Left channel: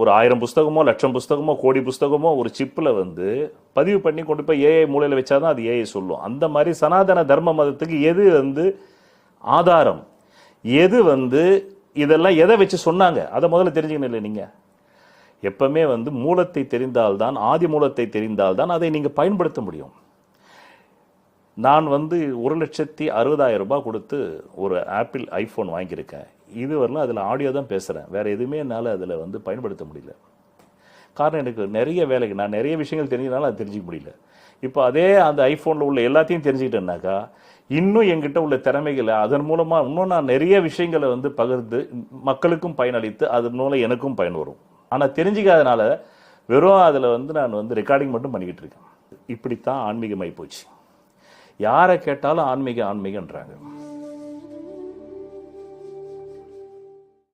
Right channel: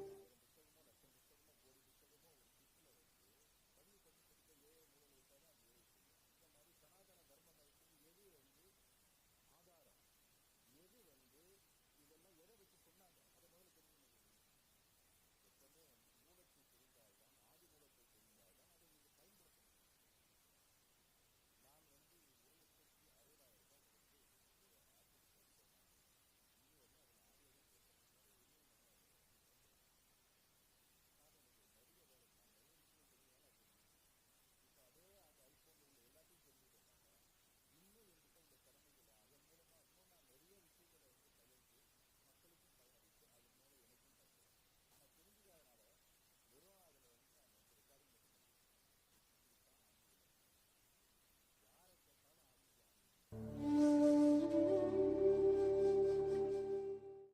ஒரு 1000 புஸ்தகமோ 1,00,000 புஸ்தகமோ கோடி புஸ்தகமோ ஒரு சிப்பில் வந்து பதிவு பண்ணி கொண்டு போய் ஏஐ மூலையில் வச்சாதான் அது ஏஐ சொல்லும். அந்த மாதிரி சனாதன தர்ம மதத்துக்கு எது வந்து ஆதாரம், எது வந்து இதெல்லாம் எதை வச்சு சொன்னாங்க அதை முதல்ல தெரிஞ்சுக்கணும். இல்லை, நீங்கள் எப்பவுமே வந்து மூலத்தை தெரிந்தால்தான், ஆதி மூலத்தை தெரிந்தால்தான் அதை நீங்கள் பயன்படுத்த முடியும். நான் வந்து 1,60,60,000 ரூபாய் கொடுத்து ஒரு ஆப்பிள் ஐஃபோன் வாங்கியிருக்கேன். இது வரலாம் அதில் ஆடியோ தான் பேசுகிறேன், வேறு எதுவுமே என்னால் அதில் வந்து பயன்படுத்த முடியல. காரணம், எனக்கு நிறைய வேலைக்கு நான் நிறைய விஷயங்கள் தெரிஞ்சதுனால அது தெரிஞ்சிக்க முடியல. இப்போ அதே அந்த ஐஃபோனில் உள்ள எல்லாத்தையும் தெரிஞ்சுக்கிட்டேன்னாக்கா இன்னும் என்கிட்ட உள்ள திறமைகளை அதன் மூலமாக இன்னும் நான் நிறைய விஷயங்களை வந்து பகிர்ந்து மக்களுக்கும் பயனளித்து அதன் மூலம் எனக்கும் பயன் வரும். ஆனால் தெரிஞ்சிக்காதனால வெறும் அதில் வந்து நான் வந்து ரெக்கார்டிங் மட்டும் பண்ணிக்கிட்டு இருக்கேன். இப்படித்தான் ஆன்மீகமாகி போச்சு. யாரை கேட்டாலும் ஆன்மீகன்றாங்க.